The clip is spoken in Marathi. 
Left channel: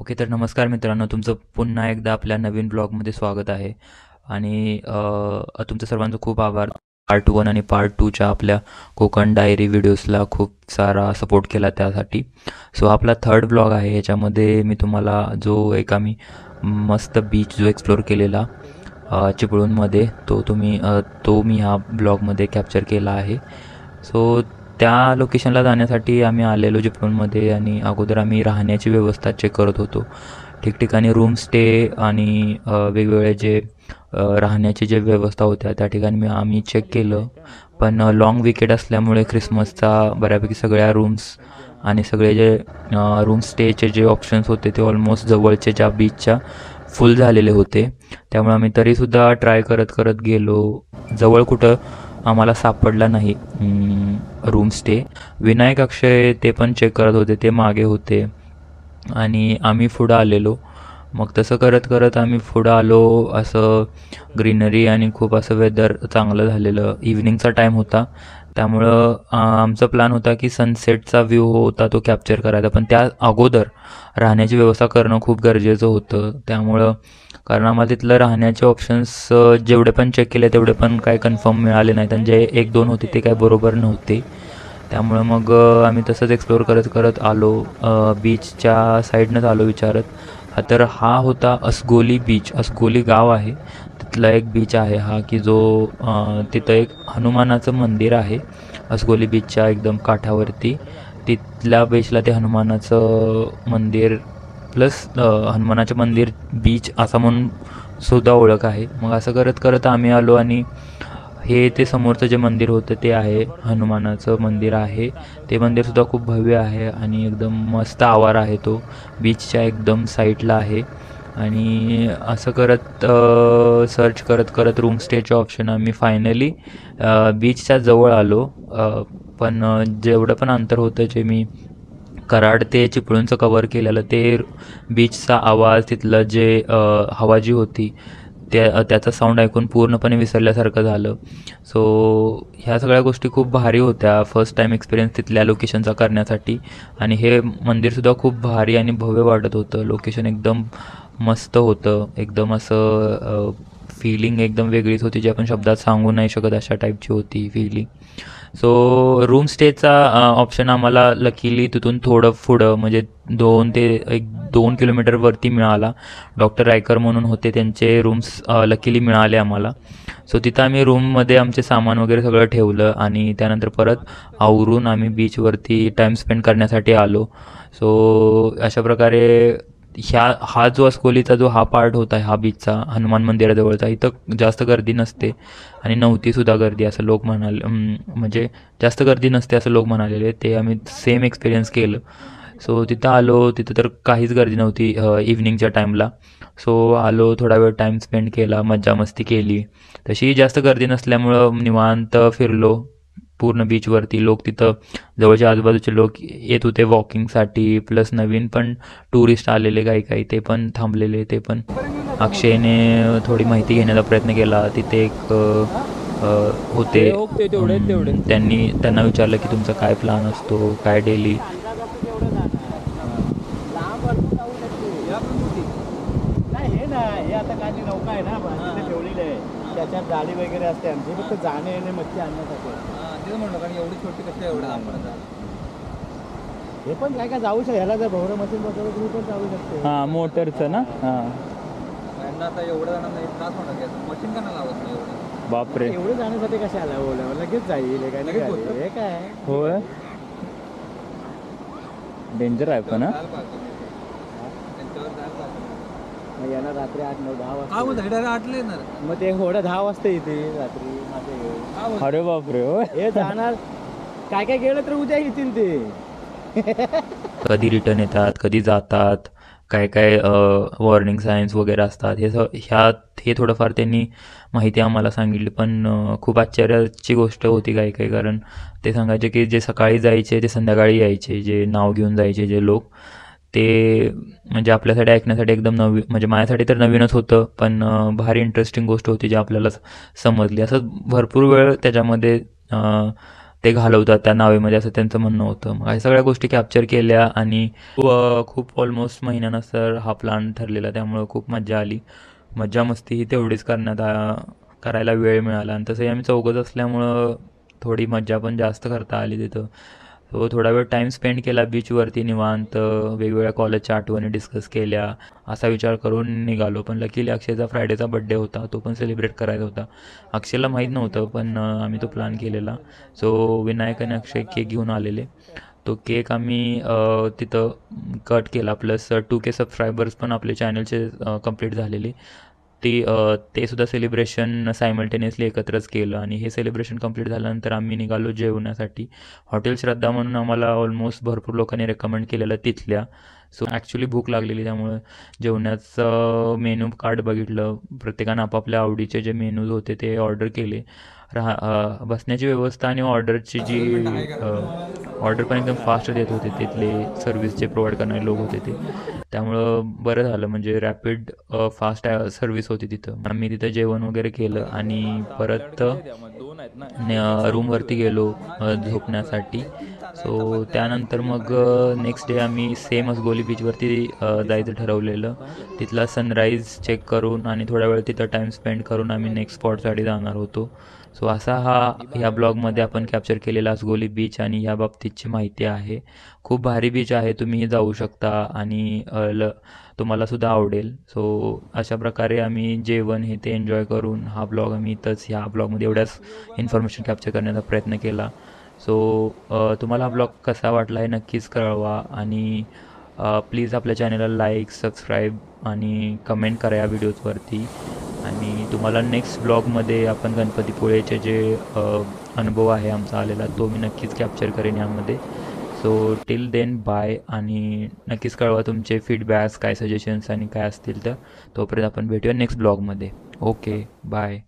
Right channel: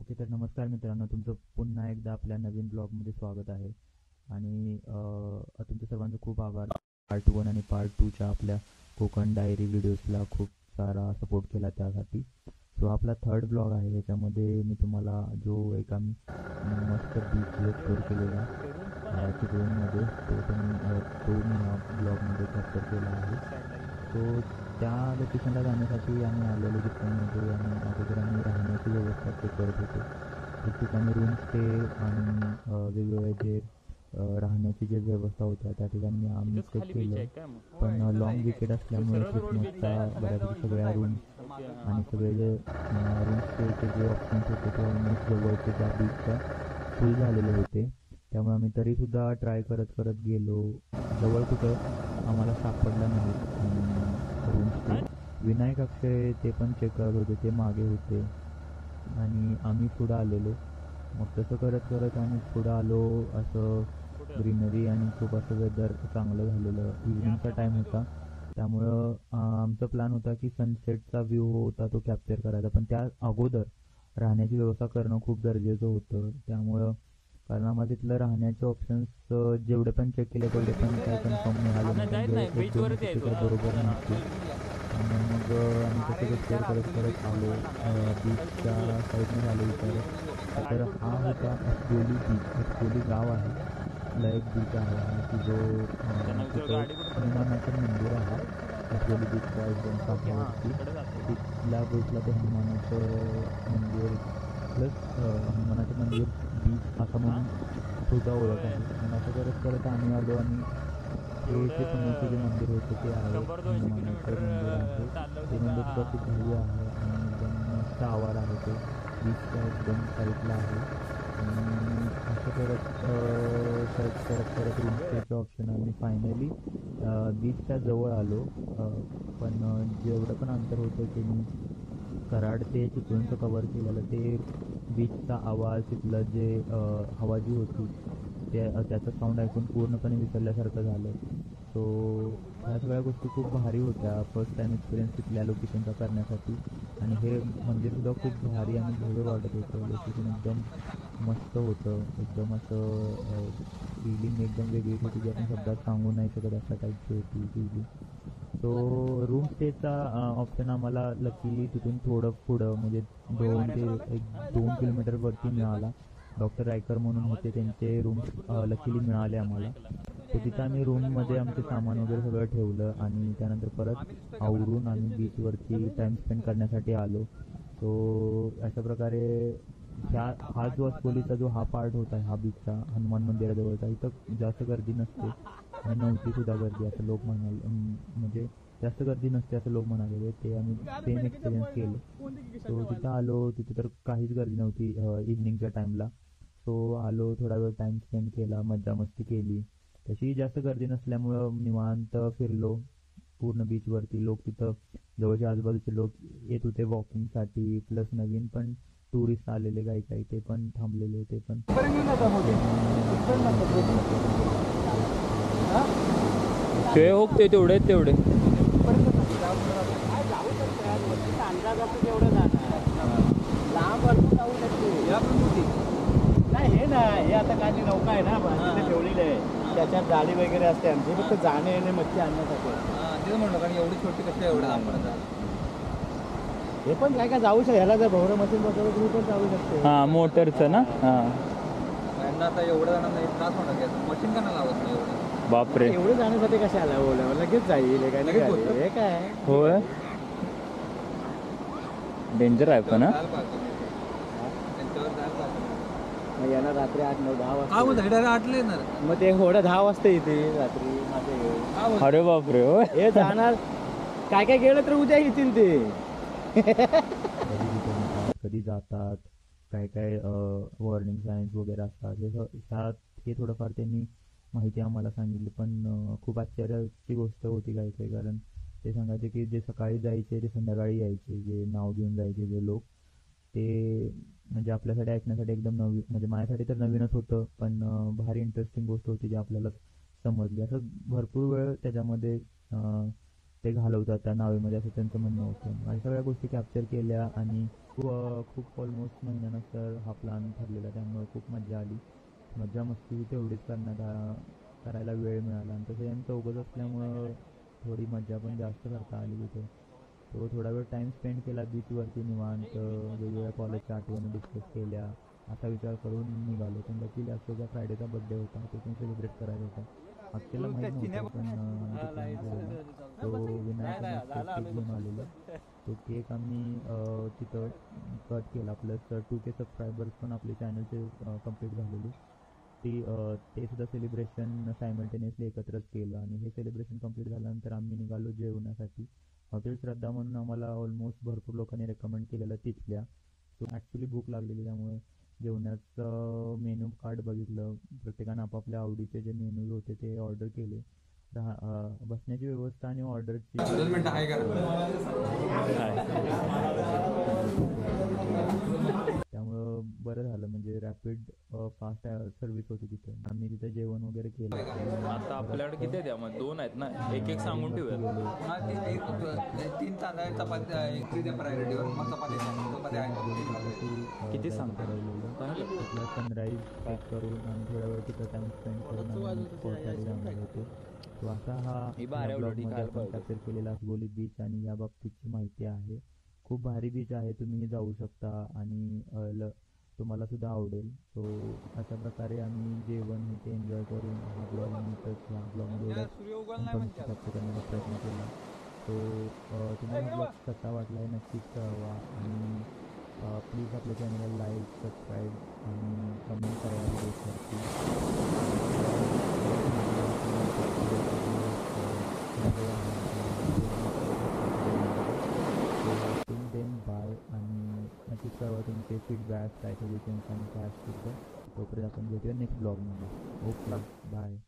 ओके, तर नमस्कार मित्रांनो, तुमचं पुन्हा एकदा आपल्या नवीन ब्लॉगमध्ये स्वागत आहे. आणि तुमचं सर्वांचं खूप आभार. पार्ट 1 आणि पार्ट 2च्या आपल्या कोकण डायरी व्हिडिओजला खूप सारा सपोर्ट केला त्यासाठी. सो आपला थर्ड ब्लॉग आहे. याच्यामध्ये मी तुम्हाला जो एक आम्ही मस्त बीच जो एक्सप्लोर केलेला चिपळूणमध्ये, तो मी ह्या ब्लॉगमध्ये कॅप्चर केला आहे. सो त्या लोकेशनला जाण्यासाठी आम्ही आलेलो चिपळूणमध्ये, आणि अगोदर आम्ही राहण्याची व्यवस्था चेक करत होतो. ठिकठिकाणी रूम स्टे आणि वेगवेगळे जे राहण्याची जे व्यवस्था होत्या त्या ठिकाणी आम्ही चेक केलं. पण लाँग विकेट असल्यामुळे ख्रिसमसचा बऱ्यापैकी सगळ्या रूम्स आणि सगळे जे रूम स्टेचे जे ऑप्शन्स होते ते ऑलमोस्ट जवळचे ज्या बीचच्या फुल झालेले होते. त्यामुळे आम्ही तरीसुद्धा ट्राय करत करत गेलो. जवळ कुठं आम्हाला सापडला नाही रूम स्टे. विनायक अक्षय ते पण चेक करत होते, ते मागे होते आणि आम्ही पुढं आलेलो. मग तसं करत करत आम्ही पुढं आलो. असं ग्रीनरी आणि खूप असं वेदर चांगलं झालेलं. इव्हनिंगचा टाईम होता, त्यामुळं आमचा प्लॅन होता की सनसेटचा व्ह्यू होता तो कॅप्चर करायचा. पण त्या अगोदर राहण्याची व्यवस्था करणं खूप गरजेचं होतं. त्यामुळं कारण आम्हाला तिथलं राहण्याचे ऑप्शन्स जेवढे पण चेक केले तेवढे पण काय कन्फर्म मिळाले नाहीत, आणि जे एक दोन होते ते काय बरोबर नव्हते. त्यामुळं मग आम्ही तसंच एक्सप्लोर करत करत आलो. बीचच्या साईडनंच आलो विचारत. तर हा होता असगोली बीच. असगोली गाव आहे, तिथला एक बीच आहे हा, की जो तिथं एक हनुमानाचं मंदिर आहे असगोली बीचच्या एकदम काठावरती. तिथल्या बीचला ते हनुमानाचं मंदिर प्लस हनुमानाचं मंदिर बीच असा म्हणून सुद्धा ओळख आहे. मग असं करत करत आम्ही आलो, आणि हे ते समोरचं जे मंदिर होतं ते आहे हनुमानाचं मंदिर आहे. ते मंदिरसुद्धा खूप भव्य आहे आणि एकदम मस्त आवार आहे तो. बीचच्या एकदम साईडला आहे. आणि असं करत सर्च करत करत रूम स्टेचे ऑप्शन आम्ही फायनली बीचच्या जवळ आलो. पण जेवढं पण अंतर होतं जे मी कराड ते चिपळूणचं कवर केलेलं, ते बीचचा आवाज, तिथलं जे हवा जी होती त्याचा साऊंड ऐकून पूर्णपणे विसरल्यासारखं झालं. सो ह्या सगळ्या गोष्टी खूप भारी होत्या फर्स्ट टाईम एक्सपिरियन्स तिथल्या लोकेशनचा करण्यासाठी. आणि हे मंदिरसुद्धा खूप भारी आणि भव्य वाटत होतं. लोकेशन एकदम मस्त होतं. एकदम असं फीलिंग एकदम वेगळीच होती, जी आपण शब्दात सांगू नाही शकत अशा टाईपची होती फीलिंग. सो रूम स्टेचा ऑप्शन आम्हाला लकीली तिथून थोडं पुढं म्हणजे 2 किलोमीटरवरती मिळाला. डॉक्टर रायकर म्हणून होते, त्यांचे रूम्स लकीली मिळाले आम्हाला. सो तिथं आम्ही रूममध्ये आमचे सामान वगैरे सगळं ठेवलं, आणि त्यानंतर परत आवरून आम्ही बीचवरती टाईम स्पेंड करण्यासाठी आलो. सो अशा प्रकारे हा जो अस्कोलीचा जो हा पार्ट होता, हा बीचचा हनुमान मंदिराजवळचा, इथं जास्त गर्दी नसते आणि नव्हतीसुद्धा गर्दी असं लोक म्हणाले. म्हणजे जास्त गर्दी नसते असं लोक म्हणालेले. ते आम्ही सेम एक्सपिरियन्स केलं. सो तिथं आलो, तिथं तर काहीच गर्दी नव्हती इव्हनिंगच्या टाईमला. सो आलो, थोडा वेळ टाईम स्पेंड केला, मज्जा मस्ती केली. तशी जास्त गर्दी नसल्यामुळं निवांत फिरलो पूर्ण बीचवरती. लोक तिथं जवळचे आजूबाजूचे लोक येत होते वॉकिंगसाठी, प्लस नवीन पण टुरिस्ट आलेले काही काही, ते पण थांबलेले. ते पण अक्षयने थोडी माहिती घेण्याचा प्रयत्न केला. तिथे एक होते, त्यांना विचारलं की तुमचा काय प्लॅन असतो, काय डेली. नाही हे ना, हे आता काय ती नौका आहे ना तिथे ठेवलेली आहे, त्याच्यात जाळी वगैरे असते आमची, फक्त जाणे येणे मच्छी आणण्यासाठी. तेच म्हणलं, कारण एवढी छोटी कसं एवढं लांब पडतात. हे पण काय काय जाऊ शकते, ह्याला जर भोवरा मशीन बसवलं तुम्ही पण जाऊ शकते. हां, मोटरचं ना. हां, यांना आता एवढं जणांना त्रास होणार की असं मशीन का नाही लावत नाही एवढं. बापरे. एवढं जाण्यासाठी कशाला बोलावं, लगेच जाईल. हे काय लगेच नाही होतं. हे काय होय, डेंजर आहे पण. जायला पाहिजे. त्यांच्यावर जायला पाहिजे. मग येणार रात्री 8, 9, 10 हा वाजता. बोलतो डायरेक्ट आटले येणार. मग ते घोडा 10 वाजता येते रात्री माझे घेऊन. हा बोलतो. अरे बापरे. होय, हे जाणार काय काय गेलं तर उद्या येतील ते. कधी रिटर्न येतात, कधी जातात, काय काय वॉर्निंग सायन्स वगैरे असतात. हे थोडंफार त्यांनी माहिती आम्हाला सांगितली. पण खूप आश्चर्याची गोष्ट होती काही काही, कारण ते सांगायचे की जे सकाळी जायचे ते संध्याकाळी यायचे, जे नाव घेऊन जायचे जे लोक, ते म्हणजे आपल्यासाठी ऐकण्यासाठी एकदम नवीन, म्हणजे माझ्यासाठी तर नवीनच होतं. पण भारी इंटरेस्टिंग गोष्ट होती जी आपल्याला समजली. असं भरपूर वेळ त्याच्यामध्ये ते घालवतात त्या नावेमध्ये असं त्यांचं म्हणणं होतं. मग या सगळ्या गोष्टी कॅप्चर केल्या आणि खूप ऑलमोस्ट महिन्यानंतर हा प्लॅन ठरलेला, त्यामुळं खूप मज्जा आली. मज्जा मस्ती ही तेवढीच करायला वेळ मिळाला आणि तसंही आम्ही चौघंच असल्यामुळं थोडी मज्जा पण जास्त करता आली तिथं. तो थोडा वेळ टाईम स्पेंड केला बीचवरती निवांत, वेगवेगळ्या कॉलेजच्या आठवणी डिस्कस केल्या असा विचार करून निघालो. पण लकीली अक्षयचा फ्रायडेचा बड्डे होता, तो पण सेलिब्रेट करायचा होता. अक्षयला माहीत नव्हतं, पण आम्ही तो प्लॅन केलेला. सो विनायक आणि अक्षय केक घेऊन आलेले. तो केक आम्ही तिथं कट केला, प्लस 2K सबस्क्रायबर्स पण आपले चॅनलचे कंप्लीट झालेले. ते सुद्धा सेलिब्रेशन सायमल्टेनियसली एकत्रच केलं आणि हे सेलिब्रेशन कंप्लीट झाल्यानंतर आम्ही निघालो जेवण्यासाठी. हॉटेल श्रद्धा म्हणून आम्हाला ऑलमोस्ट भरपूर लोकांनी रेकमेंड केलेलं तिथल्या. सो ॲक्च्युली भूक लागलेली, त्यामुळं जेवणाचं मेनू कार्ड बघितलं. प्रत्येकानं आपापल्या आवडीचे जे मेनूज होते ते ऑर्डर केले. बसण्याची व्यवस्था आणि ऑर्डरची जी ऑर्डर पण एकदम फास्ट देत होते तिथले सर्व्हिस जे प्रोव्हाइड करणारे लोक होते ते. त्यामुळं बरं झालं, म्हणजे रॅपिड फास्ट सर्व्हिस होती तिथं. आम्ही तिथं जेवण वगैरे केलं आणि परत रूमवरती गेलो झोपण्यासाठी. सो त्यानंतर मग नेक्स्ट डे आम्ही सेम असगोली बीचवरती जायचं ठरवलेलं. तिथला सनराईज चेक करून आणि थोडा वेळ तिथं टाईम स्पेंड करून आम्ही नेक्स्ट स्पॉटसाठी जाणार होतो. सो असा ह्या ब्लॉगमध्ये आपण कॅप्चर केलेला असगोली बीच आणि या बाबतीतची माहिती आहे. खूप भारी बीच आहे, तुम्हीही जाऊ शकता आणि तुम्हालासुद्धा आवडेल. सो अशा प्रकारे आम्ही जेवण हे ते एन्जॉय करून हा ब्लॉग आम्ही इथंच ह्या ब्लॉगमध्ये एवढ्याच इन्फॉर्मेशन कॅप्चर करण्याचा प्रयत्न केला. सो तुम्हाला हा ब्लॉग कसा वाटला आहे नक्कीच कळवा आणि प्लीज आपल्या चॅनलला लाईक, सबस्क्राईब आणि कमेंट करा या व्हिडिओजवरती. आणि तुम्हाला नेक्स्ट ब्लॉगमध्ये आपण गणपतीपुळेचे जे अनुभव आहे आमचा आलेला तो मी नक्कीच कॅप्चर करेन यामध्ये. सो टिल देन बाय आणि नक्कीच कळवा तुमचे फीडबॅक्स काय सजेशन्स आणि काय असतील तर. तोपर्यंत आपण भेटूया नेक्स्ट ब्लॉगमध्ये. Okay bye.